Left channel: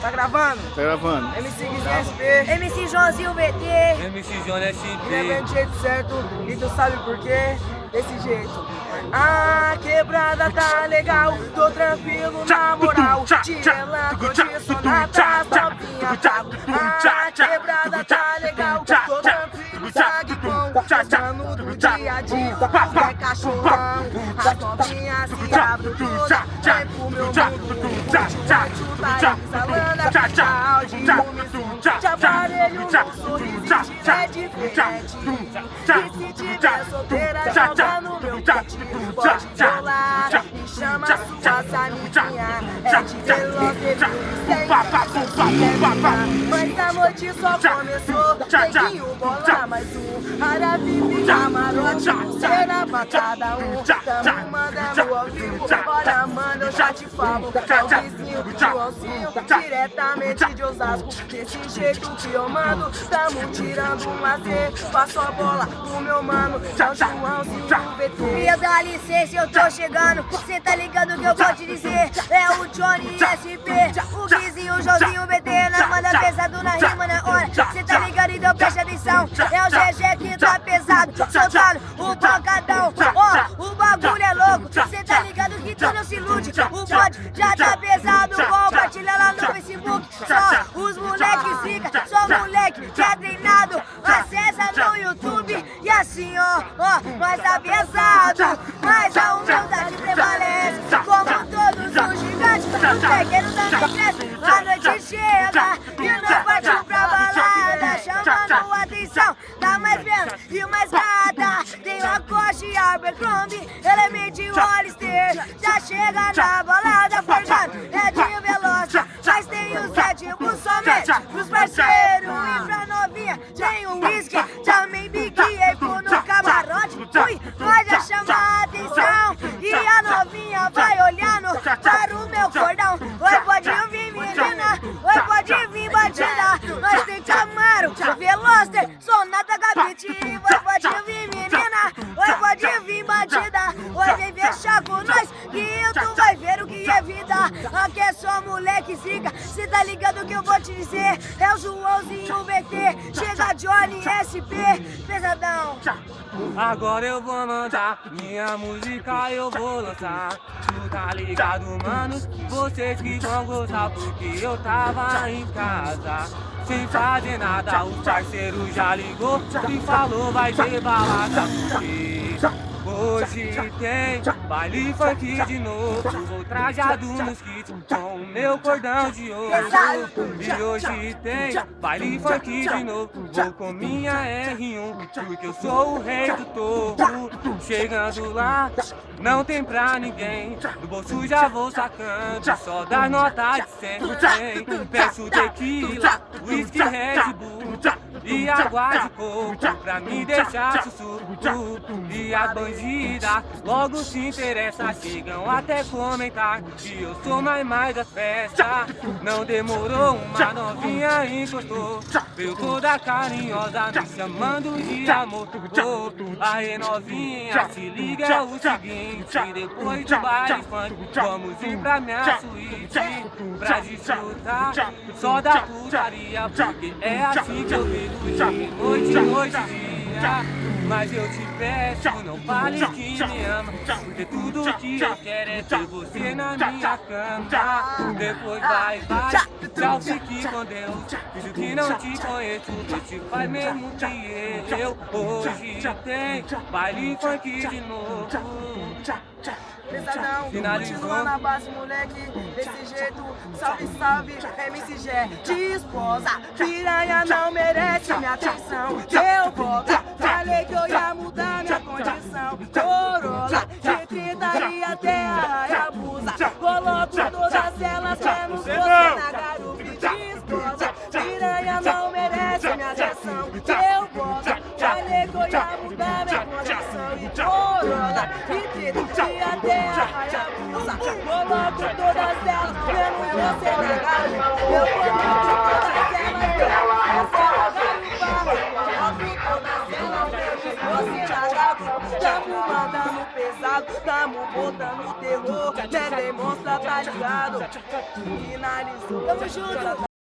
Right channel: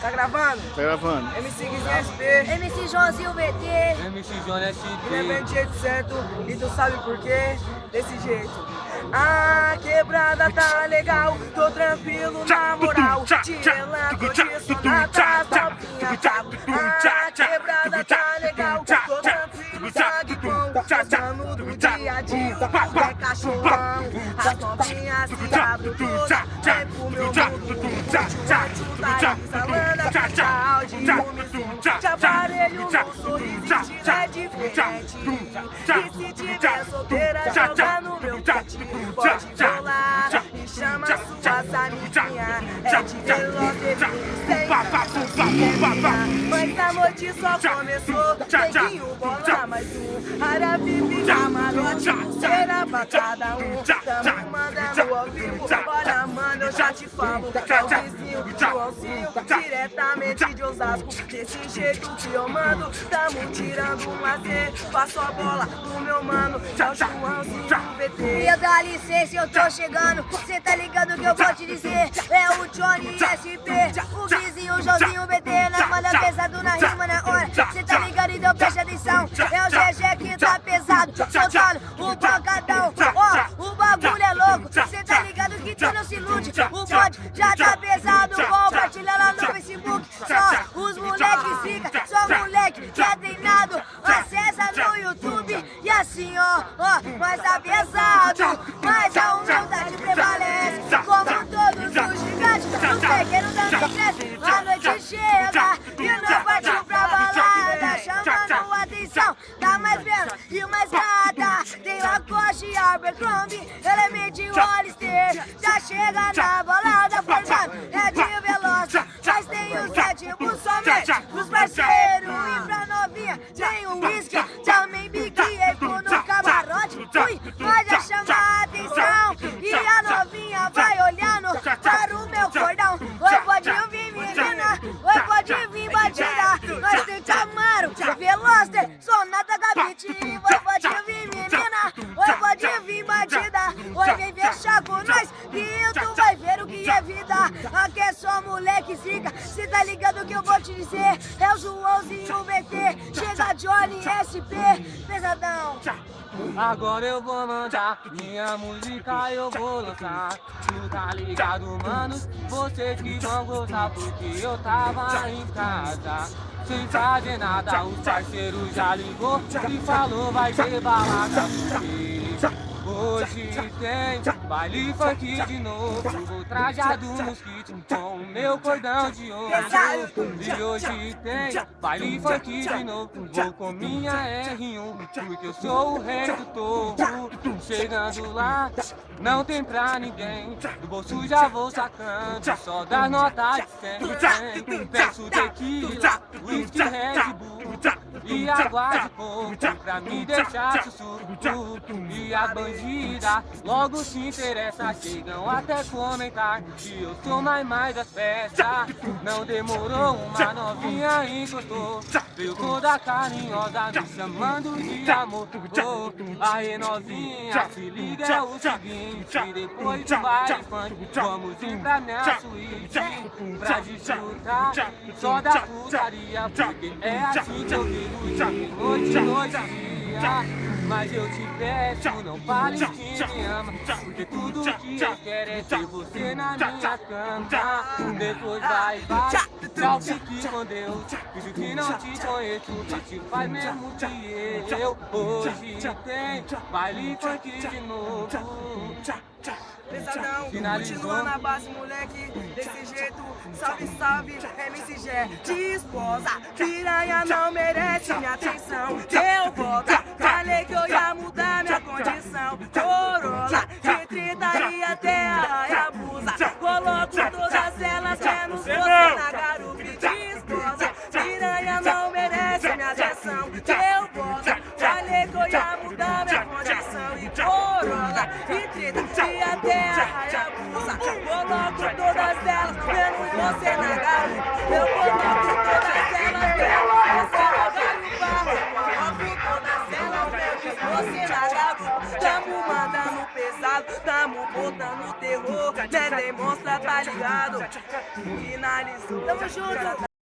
Tá gravando? Tá gravando. MC Guizinho SP. MC Joãozinho VT. MC João SP. Ele do jeito certo e tu sabe por quê? Desse jeito. A quebrada tá legal, tô tranquilo na moral. Tirelando de sonata, novinha pago. A quebrada tá legal, tô tranquilo, sangue bom. Gostando do dia a dia, que é cachorrão. As novinhas se abrem todas, vem pro meu mundo. Chuta, exalando a pista de uníssono. Te aparelho no sorriso e te é diferente. E se tiver solteira, joga no meu peitinho. Pode rolar e chama suas amiguinhas. É de veloz, mas a noite só começou. Neguinho, bola mais um. Área VIP, camarote, pulseira pra cada um. Tamo mandando ao vivo. Olha, mano, eu já te falo. É o vizinho do Joãozinho, diretamente de Osasco. Desse jeito que eu mando, tamo tirando um lazer. Passo a bola pro meu mano, é o Joãozinho VT. Filha, dá licença, eu tô chegando. Cê tá ligado que eu vou te dizer. É o Johnny SP, o Guizinho, o Joãozinho VT. Nós manda pesado na rima, na hora. Cê tá ligado, então presta atenção. É o GG que tá pesado, soltando o pancadão. Ó, o bagulho é louco. Cê tá ligado que tu não se ilude. O bode já tá pesado. Compartilha lá no Facebook. Só os moleques fica, só moleque que é treinado. Acessa no YouTube e assim, ó, nós tá pesado. Mas a humildade prevalece. Como todos os gigantes, os pequenos também crescem. A noite chega e nós partiu pra balada, chamando a atenção da mais bela e mais gata. Tem Lacoste e Abercrombie, Element e Hollister. Já chega na balada, forjado é de veloz. Mas tem os sétimos somente pros parceiros. E pra novinha tem o whisky, também bique no camarote. Ui, nós já chama a atenção e a novinha vai olhando para o meu cordão. Oi, pode vir menina, oi, pode vir bandida. Nós tem Camaro, Veloster, Sonata, Gabite. Oi, pode vir menina, oi, pode vir bandida. Oi, vem fechar com nós que tu vai ver o que é vida. Aqui é só moleque zica, cê tá ligado que eu vou te dizer. É o Joãozinho VT, chega Johnny SP, pesadão. Agora eu vou mandar minha música, eu vou lançar. Tu tá ligado, mano? Vocês que vão gostar, porque eu tava em casa sem fazer nada. Os parceiros já ligou e falou vai ter balada. Porque hoje tem baile funk de novo. Vou trajado nos kits com o meu cordão de ouro. E hoje tem baile funk de novo. Vou com minha R1, porque eu sou o rei do topo. Chegando lá, não tem pra ninguém. Do bolso já vou sacando, só da nota de 100. Peço tequila, whisky, Red Bull e água de coco pra me deixar sussurro. E as bandidas logo se interessam, chegam até comentar que eu sou mais das festas. Não demorou, uma novinha encostou, veio toda carinhosa me chamando de amor. Aê novinha, se liga é o seguinte, depois do baile funk vamos ir pra minha suíte pra desfrutar só da putaria, porque é assim que eu vivo noite, dia. Mas eu te peço, não fale que me ama, porque tudo que eu quero é ter você na minha cama. Depois vai, tchau, fique com Deus. Finge que não te conheço, que te faz mesmo que eu. Hoje tem baile funk de novo. Pesadão, continua na base, moleque, desse jeito, salve, salve, MCG, de esposa, piranha não merece minha atenção, deu volta, falei que eu ia mudar minha condição, Corolla, de 30 e até a Hayabusa, coloco todas elas, menos você na garupa, de esposa, piranha não merece minha atenção, deu volta, falei que eu ia mudar minha condição, e Corolla, de 30 e até coloco todas elas, menos você na garupa. Eu coloco todas elas, menos você na garupa. Coloco todas elas, menos você na garupa. Tamo mandando pesado. pesado, tamo botando terror. Né, demonstra, tá ligado? Finalizou. Tamo junto.